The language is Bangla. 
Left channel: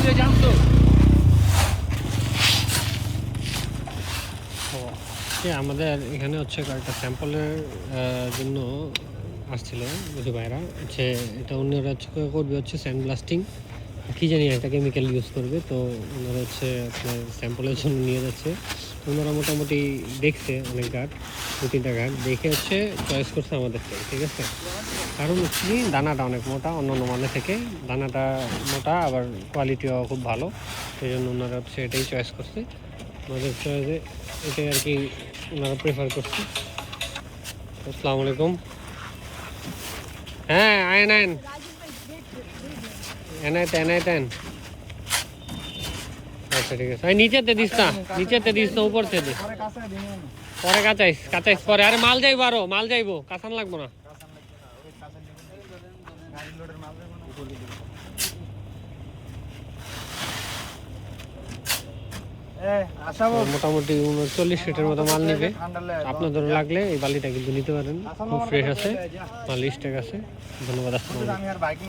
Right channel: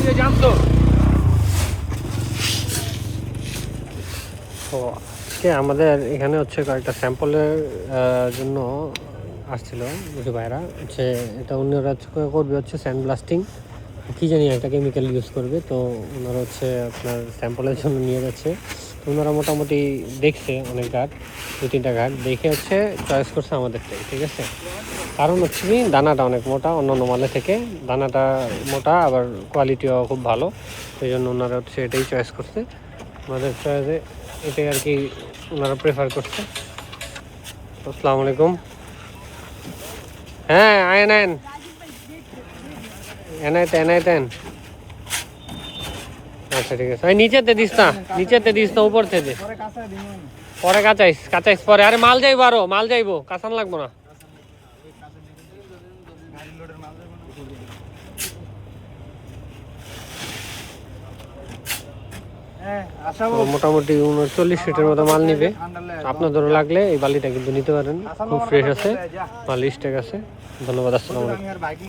তো আমাদের এখানে হচ্ছে কয়েকটা স্যাম্পলের জন্য আসছিল বুঝি ভাইরা হচ্ছে, এটা অন্যরা হচ্ছে করবে হচ্ছে স্যান্ড ব্লাস্টিং, কী জানি একটা কেমিক্যাল ইউজ করবে। তো ওনারা হচ্ছে আপনার স্যাম্পলের জন্য নিয়ে যাচ্ছে। তো ওনারা মোটামুটি দেখছে অনেক ঘাট, 2-3টা ঘাট দেখে হচ্ছে চয়েস করছে আমাদেরকে, ঠিক আছে। কারণ হচ্ছে কি দানাটা অনেক মোটা, অন্যান্য মালের থেকে দানাটা মোটা, আবার কোয়ালিটিও খুব ভালো। সেই জন্য ওনারা হচ্ছে এটাই চয়েস করছে, আমাদের চয়েসে এটাই আর কি ওনারা প্রেফার করছে। আসসালামু আলাইকুম। হ্যাঁ আয়েন আয়েন এনাইতেন। আচ্ছা ঠিক আছে, নিচেতে দিস না, নিচেতে দিস না, উপর থেকে পরে কাঁচাইস কাঁচাইস পরে। আরে মাল যাইবো, আরো মাল যাইবো, কাঁচান লাগবো না। মোটামুটি 39 ফিটের মতো মাল নিবে। আপনাদেরও লাগলে এই বালিটা কিন্তু নিতে পারেন, খুব ফ্রেশ আছে, মাল স্টেক আছে। ধন্যবাদ, আসসালামু আলাইকুম।